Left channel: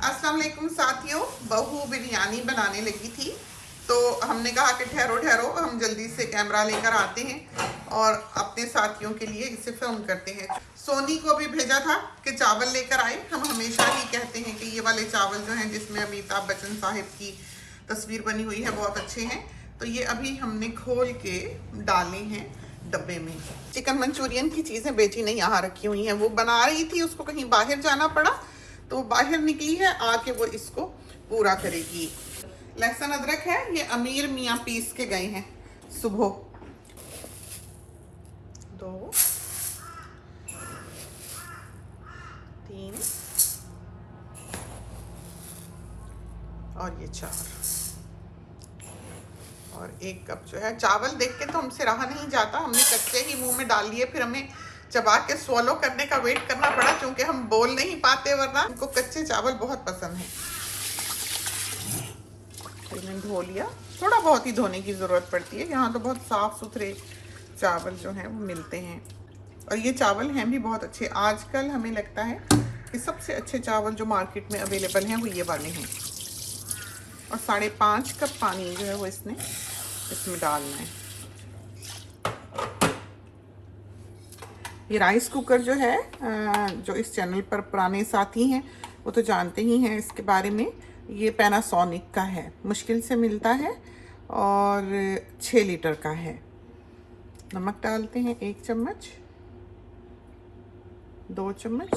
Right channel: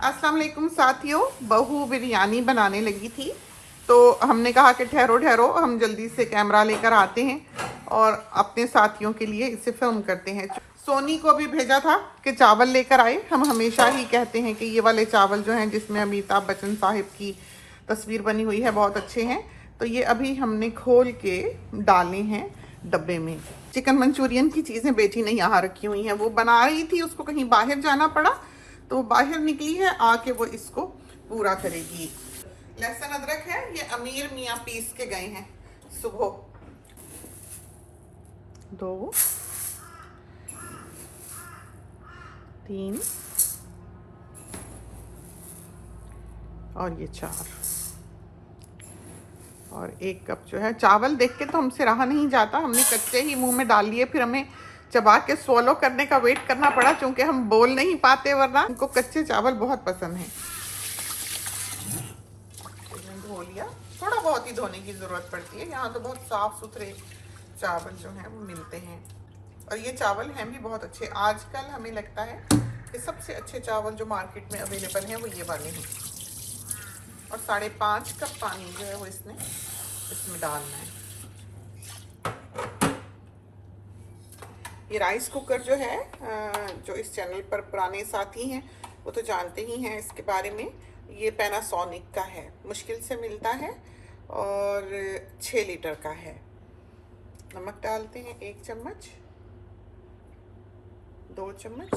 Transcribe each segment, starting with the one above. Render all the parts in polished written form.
अस्सलाम वालेकुम साथियों, बहू बिरयानी बनाने लगी थी तो हमने कहा कि ठहरो ठहरो, हम जल्दी से कैमरा लेकर आते हैं और अपने साथियों के लिए इसे फिल्म करते हैं। सोनी को भी भेजा था कि चावल लेकर आए। हम हमेशा ही कहते हैं कि ये वाले चावल जो हैं जिसमें अमिताभ बच्चन साहिब की तस्वीर बनी हुई है बहुत अच्छे हैं। तो ये अभी हमने खोल के डाले हैं डब्बे में। चिकन मंचूरियन की चीज़ें बेटी ने यहाँ रखी हुई हैं, वो बना रही थी, उसको कहीं बाहर जाना पड़ा तो बाहर निकली है, आके वो इसको पूरा करेगी। लहसुन अदरक है, ये अमीर मियाँ पीस के गए हैं सुबह। 2 3 और ये 4 और 1 कप जो है चावल। देख के तो हमसे रहा नहीं जाता, हमने कच्चे ही मुंह में डाल लिए, फिर हमें चबा के स्वॉलो करने का वेट करना पड़ा क्योंकि हम बोल नहीं पाते, वरना उनको कच्चे चावल बहुत पसंद है। धो लिया, थोड़ा बहुत ही धोने की ज़रूरत पड़ती है, यहाँ तो बहुत साफ़ सुथरे चावल जो हैं वो मिलते हैं और ये चावल हैं भी बहुत अच्छे। आजकल हमें लगता है कि सबसे अच्छे चावल जो मार्केट में अवेलेबल हैं वो ये वाले हैं। और 5.5 कप पानी जो है वो इसमें डालना है। ये राइस कुकर जो है, जो इस चैनल पर पुराने साथी हैं वो तो जानते ही हैं इसके बारे में। ये पैनासोनिक का है, मुश्किल से मिलता है और 6 लीटर का है। नमक डालते हैं 1 चम्मच, 2 चम्मच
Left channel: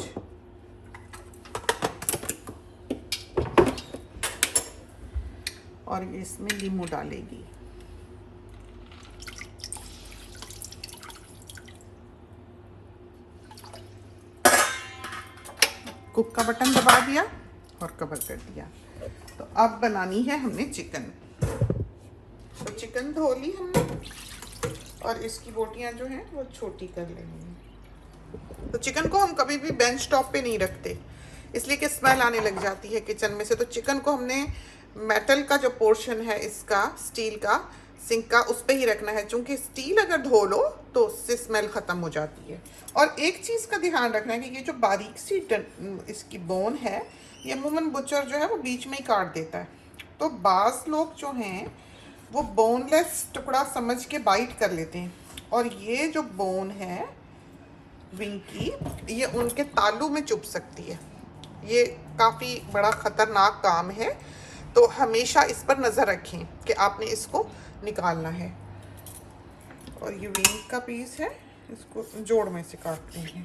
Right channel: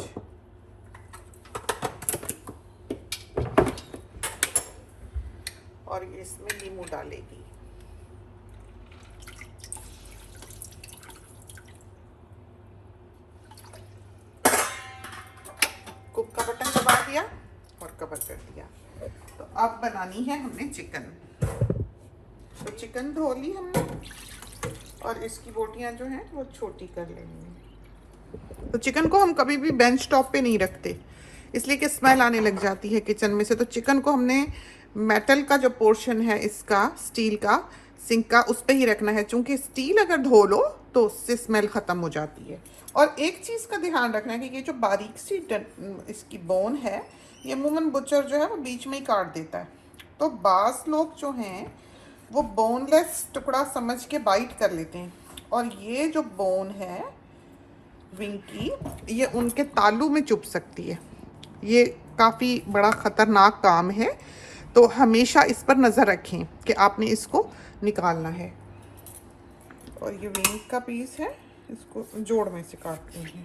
और इसमें नींबू डालेगी। कुक का बटन दबा दिया और कवर कर दिया। तो अब बनानी है हमने चिकन। तो चिकन धो ली हमने और इसकी बोटियां जो हैं वो छोटी कर लेनी है। तो चिकन को हम कभी भी बेंच टॉप पे नहीं रखते, इसलिए कि स्मेल आने लग जाती है किचन में से। तो चिकन को हमने मेटल का जो पोर्शन है इसका, स्टील का सिंक का, उस पे ही रखना है, क्योंकि स्टील अगर धो लो तो उससे स्मेल ख़त्म हो जाती है। और एक चीज़ का ध्यान रखना है कि ये जो बारीक सी इसकी बोन है, ये अमूमन बुचर जो है वो बीच में ही काट देता है। तो बास लोग जो हैं वो बोनलेस टुकड़ा समझ के बाइट कर लेते हैं, और ये जो बोन है विंग की, ये उनके तालू में चुभ सकती है। ये काफ़ी बड़ा ख़तरनाक काम है, तो हमेशा इस पर नज़र रखें कि आपने इसको निकालना है। और ये विंग का पीस है, इसको जोड़ में से काट लेंगे।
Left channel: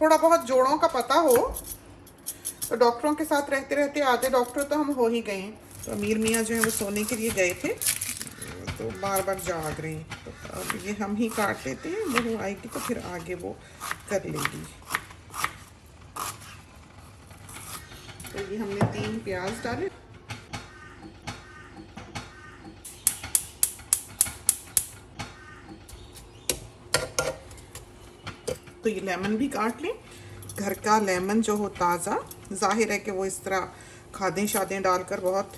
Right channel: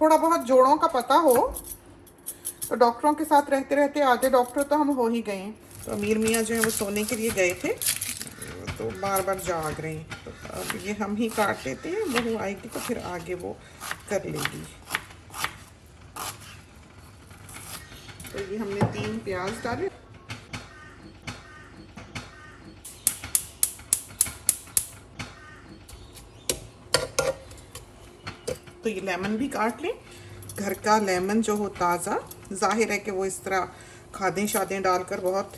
थोड़ा बहुत जोड़ों का पता हो तो डॉक्टरों के साथ रहते रहते आधे डॉक्टर तो हम हो ही गए हैं। तो अमीर मियाँ जो है वो सोने के लिए गए थे तो बार बार जाग रहे हैं, तो अब ये हम ही काट लेते हैं, बहू आएगी तो फिर आगे वो कर लेगी। तो ये हमने 3 प्याज डाले, तो ये लेमन भी काट लें। घर का लेमन जो हो ताज़ा, जाहिर है कि वो इस तरह खादें शादें डालकर बहुत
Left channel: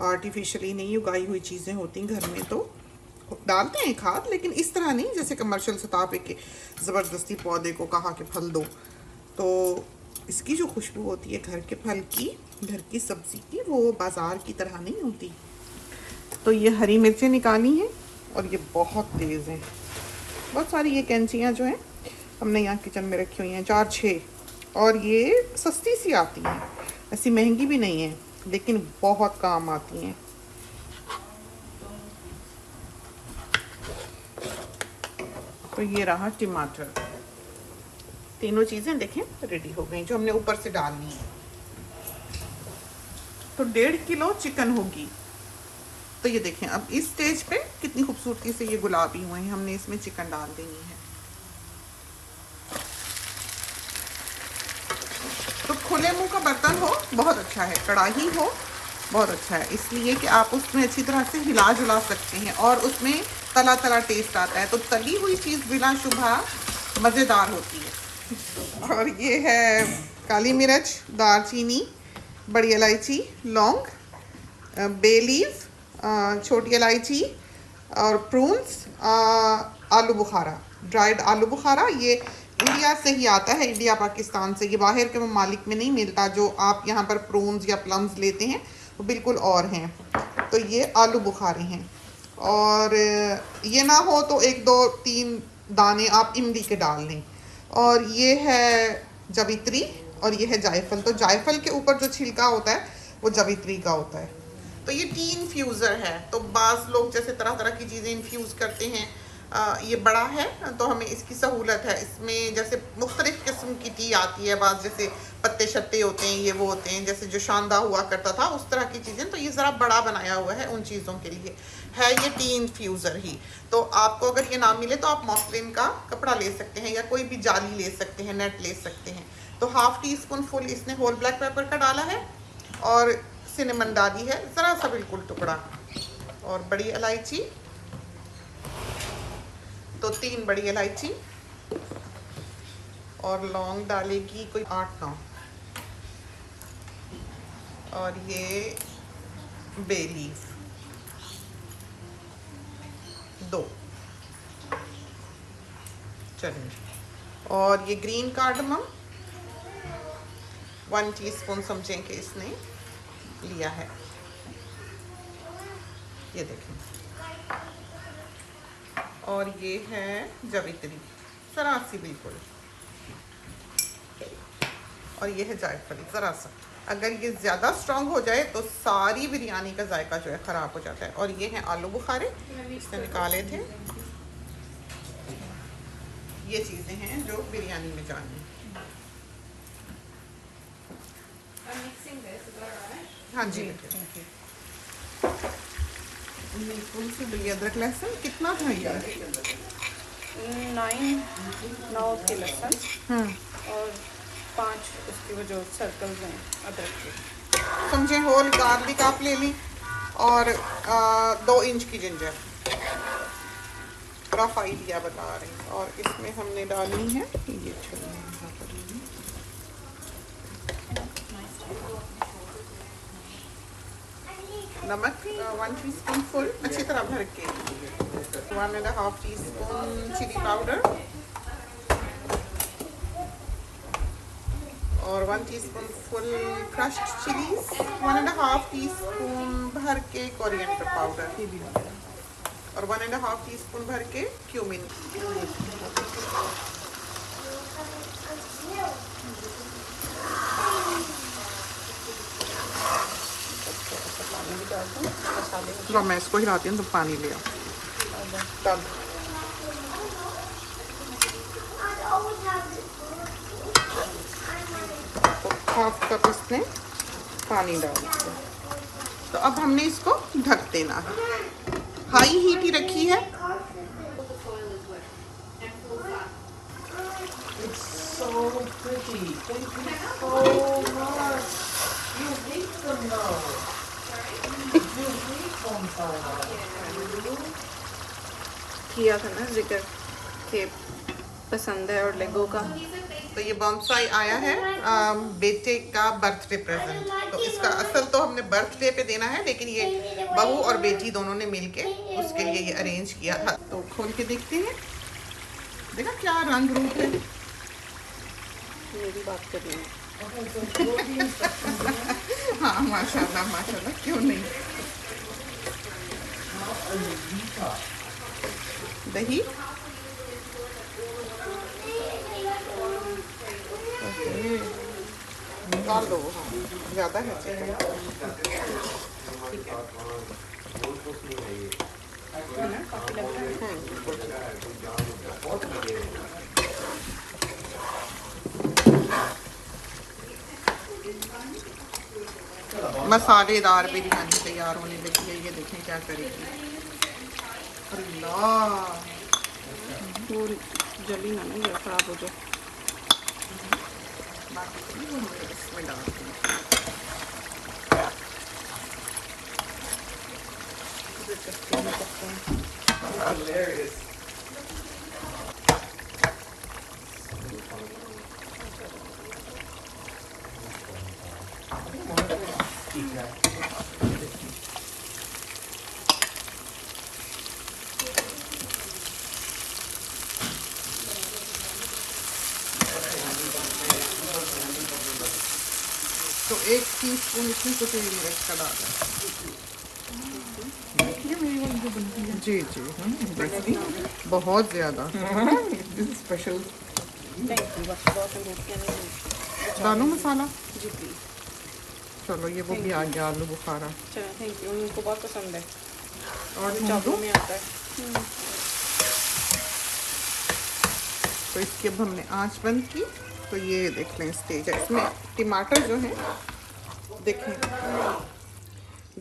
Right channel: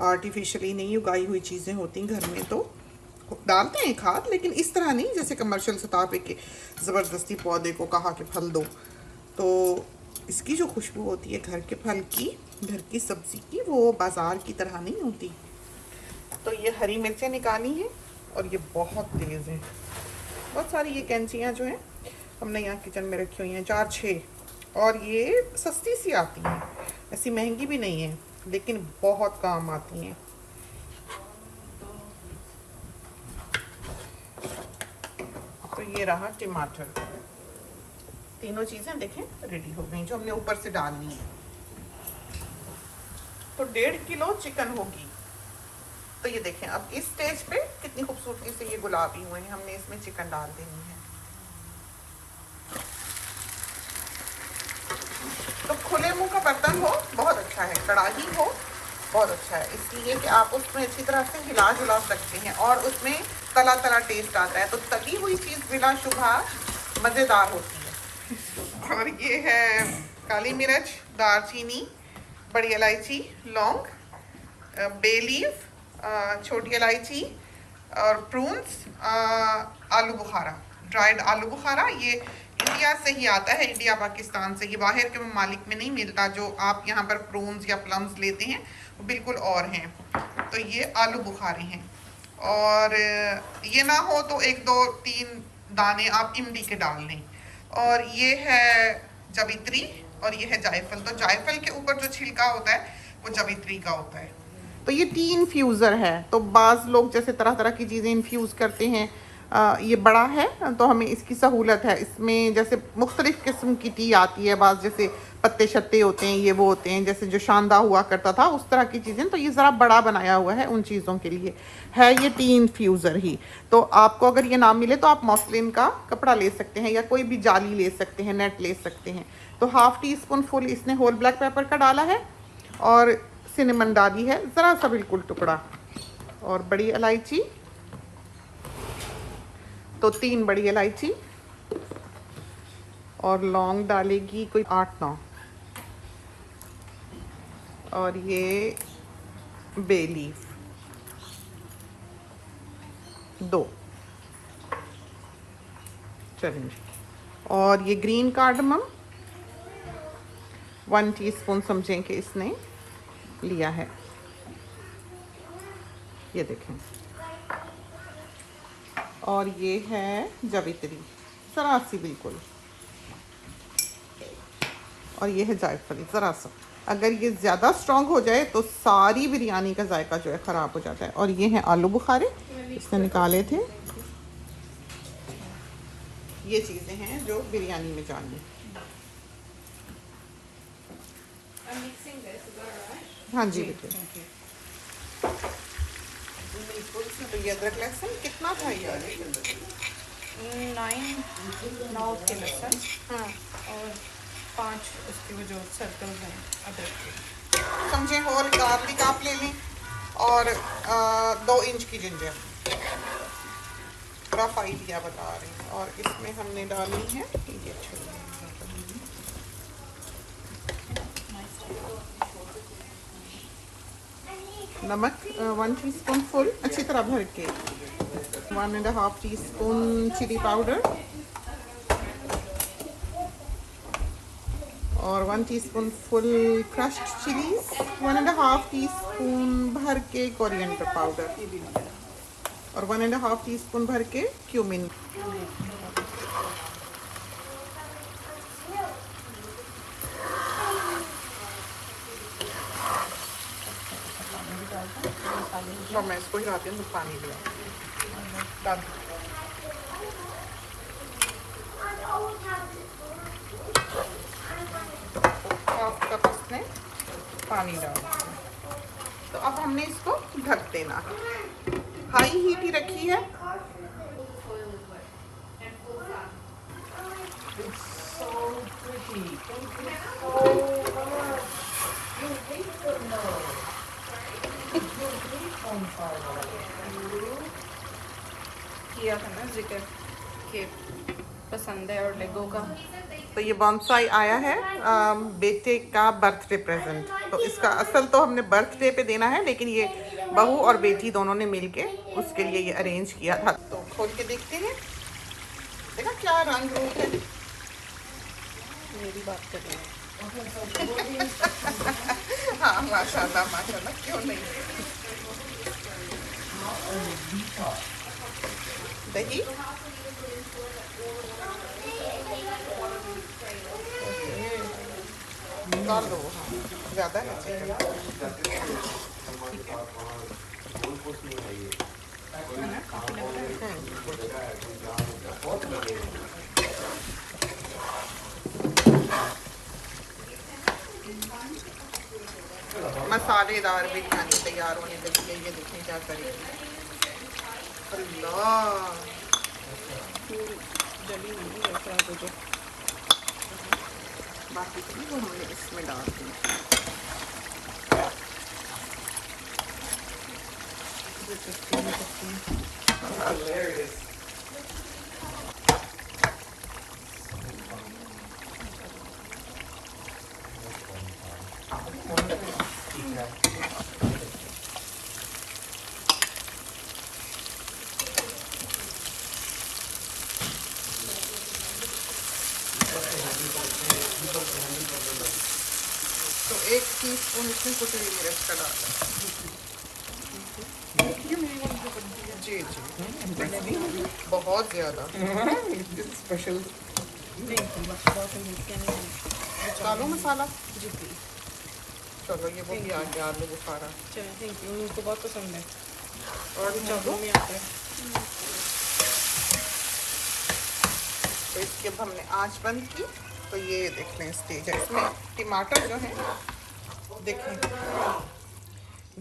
आर्टिफिशियली नहीं उगाई हुई चीज़ें होती घर में, तो डालते हैं खाद, लेकिन इस तरह नहीं जैसे कमर्शियल सतह पे के ज़बरदस्ती पौधे को कहा कि फल दो। तो इसकी जो खुशबू होती है घर के फल की, घर की सब्ज़ी की, वो बाज़ार की तरह नहीं होती। तो ये हरी मिर्चें निकाली हैं और ये बहुत तेज़ हैं। बहुत सारी ये कैंचियाँ जो हैं हमने यहाँ किचन में रखी हुई हैं, 4-6, और ये सस्ती सी आती हैं, ऐसी महंगी भी नहीं है, लेकिन बहुत काम आती हैं। तो ये रहा टमाटर। तीनों चीज़ें देखें रेडी हो गई जो हमने ऊपर से डालनी है। तो 1.5 किलो चिकन होगी। तो ये देखें अब इस स्टेज पे कितनी खूबसूरती से ये गुलाबी हुए हैं। हमने इसमें चिकन डाल देनी है। तो खुले मुंह का बर्तन हो बहुत अच्छा है, कढ़ाई हो बहुत अच्छा है, इसलिए कि आप उसमें अच्छी तरह से हिला जुला सकते हैं और उसमें तला तला टेस्ट आता है। तो तली हुई चीज़ बिला शुबा मज़ेदार होती है। और ये है काली मिर्च, दालचीनी, बड़ी इलायची, लौंग, बे लीफ, छोटी इलायची और प्रून्स, आलू बुखारा, ड्राइड आलू बुखारा, ये इंडिया से ही आता है, इंडिया पाकिस्तान से। ये बाहर के ममालिक में नहीं मिलता। जो आप यहाँ पर प्रॉन्स या प्लम्स लेते हैं वो बिल्कुल और हैं। तो ये आलू बुखारे हैं। और ये ना हो तो 1 2 3 दाने आप इमली के डाल लें। और ये है जवित्री और ये है जायफल। तो जायफल के ऊपर जो छिलका होता है वो जवित्री का होता है। तो ये टी इन्फ्यूज़र है। तो बाज़ लोग जैसे तरह तरह की चीज़ें इन्फ्यूज़ करते हैं। ये बड़ा है तो हमें इसकी सहूलत है। इसमें जैसे मुख्तलिफ़ किस्म की टी आती है। बाज़ जैसे पत्ते शत्ते होते हैं, ये वो होते हैं, जैसे जो शानदा हुआ करता था उस तरह की चीज़ें। तो ये ज़रा बड़ा बनाया हुआ है उन चीज़ों के लिए है। ये टी इन्फ्यूज़र ही। तो आपको अगर ये ना मिले तो आप मॉस्लिन का कपड़ा ले सकते हैं या कोई भी जाली ले सकते हैं, नेट ले सकते हैं। तो ½ टीस्पून फुल इसने होल ब्लैक पेपर का डाला है और सिनेमन डाली है ज़रा सा, बिल्कुल टुकड़ा। और बड़ी इलायची, तो 3 बड़ी इलायची। और लौंग डालेगी कोई 8 9। और ये बे लीफ 2 चलिए। और ये ग्रीन कार्डमम 1 टीस्पून समझें कि इसने लिया है। ये देखें। और ये है जवित्री ज़रा सी बिल्कुल। और ये है जायफल ज़रा सा। अगर ये ज़्यादा स्ट्रॉन्ग हो जाए तो सारी बिरयानी का जायका जो है ख़राब हो जाता है। और ये हैं आलू बुखारे, इसने निकाले थे। ये चीज़ें हैं जो बिरयानी में जानी। हाँ जी बिल्कुल से। अदरक लहसुन कितना था यार? 9 के लहसुन और 5 उसके वो जो सर्कल्स हैं अदरक के। समझे होल गार्लिक आप ले लें। और 2 इंच की जिंजर, रफ आइडिया बता रही हूँ। और इसमें हमने डाली है ये छोले, नमक 1 टीस्पून फुल अच्छी तरह भर के। 1½ टीस्पून चिली पाउडर और 1 teaspoon full crushed chillies. 1½ teaspoon भर के कोरिएंडर पाउडर और 1½ टीस्पून भर के क्यूमिन। लो मैं इसको हिलाती हूँ तो पानी ले। तब 1/2 कप इसमें पानी डाल दिया। तो अब हमने इसको ढक देना है। हाई हीट ही रखी है। किया था ना जिक्र के पसंद है और लेगो का। तो ये बॉन्साई आया है बेटे का बर्थडे प्रेजेंट। तो इसका असल तो हमने बर्थडे पे देना है, लेकिन ये बहू और बेटी दोनों ने मिलके उसके लिए ये अरेंज किया था। तो खोल के देखते हैं। देखा क्या रंग रूप है। मेरी बात कर रही हूँ। हाँ माशाल्लाह माशाल्लाह, क्यों नहीं। दही डाल दो। हाँ ज़्यादा है चाहिए। ठीक है ना, काफ़ी लग रहा है। मसालेदार बिरयानी तैयार होने लगी है। ये देखें क्या करेगी। अल्लाह पूरी जली हुई है, खराब हो जाए। बाकी तो वो हमने इसमें डाल दी। तो 1 टीस्पून इसमें कसूरी मिर्च का डालें। जी जी बहुत ज़्यादा स्पेशल नहीं बस बहुत दानों मसाला। जी प्लीज। चलो ये वो भी आ गया आलू बुखारा। चलो थैंक यू, उनको बहुत पसंद है और चावलों में आता है। तो इसकी अब हमने आंच बंद की। तो ये देख लें स्टेज है, इसमें टमाटर जो है देखें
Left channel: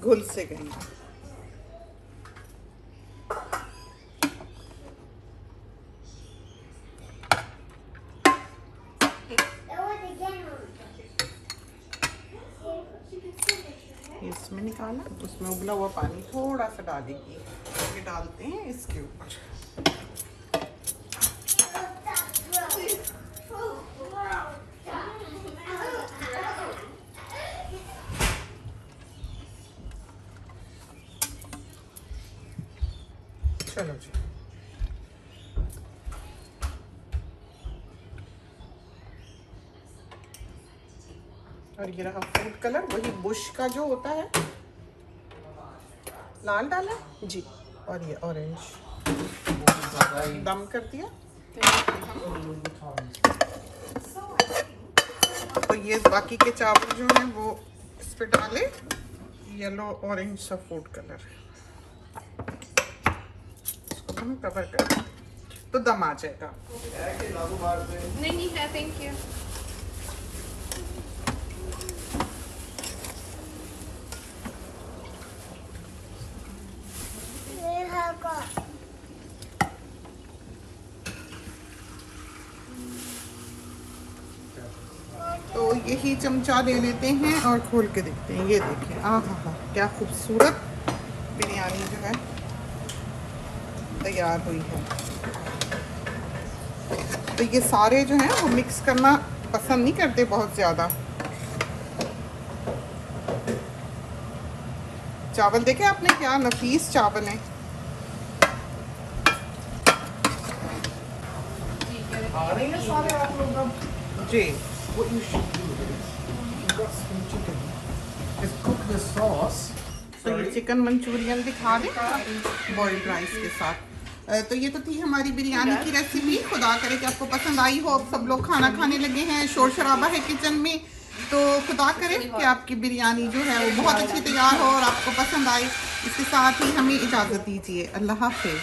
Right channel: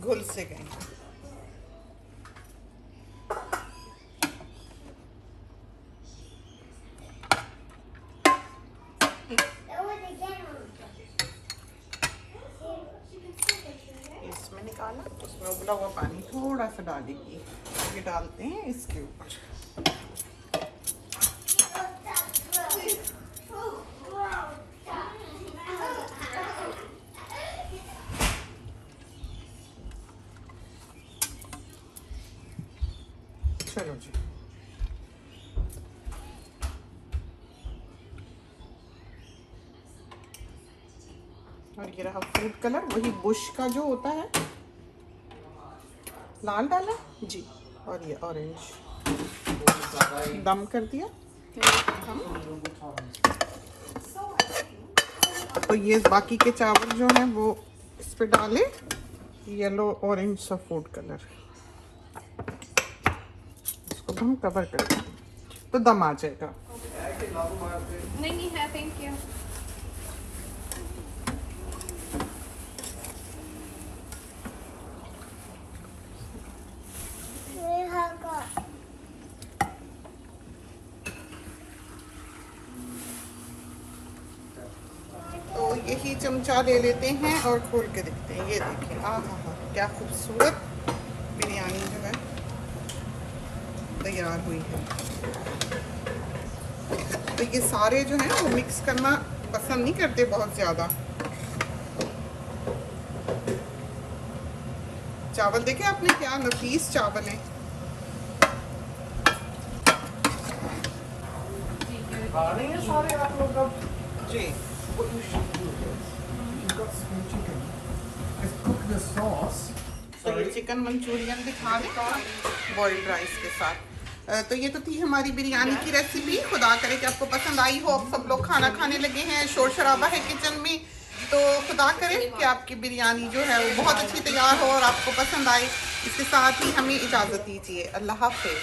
घुल से गए। इसमें निकाला, उसमें उबला हुआ पानी थोड़ा सा डालेगी, ये डालते हैं इसके ऊपर। चलो जी, और ये रहा फूड कलर, वही बुश का जो होता है, लाल डाला जी। और ये ऑरेंज दम कर दिया। तो ये बाकी के चावल जो हैं वो इस पे डाले, येलो ऑरेंज सा फूड कलर, इसको हम कवर कर दें तो दम आ जाएगा। नहीं है, थैंक यू। तो यही चमचा ले लेते हैं और खोल के देखते हैं। ये देखिए, आह क्या खूबसूरत बिरयानी जो है तैयार हुई है। तो ये सारे जो हैं वो मिक्स करना पसंद नहीं करते बहुत ज़्यादा। चावल देखे आपने, क्या नफीस चावल हैं। जी What you should do is, you've got some chicken, is cook the sauce. तो ये चिकन मंचूरियन दिखा दें बॉइल्ड राइस के साथ। तो ये तो थी हमारी बिरयानी की रेसिपी। खुदा करे कि आपको पसंद आई हो। अब सब लोग खाना खाने लगे हैं, शोर शराबा है किचन में, तो खुदा करे कि आपकी बिरयानी जो है वो बहुत अच्छी तैयार हो और आपको पसंद आए। इसके साथ ही हमें इजाज़त दीजिए। अल्लाह हाफिज़।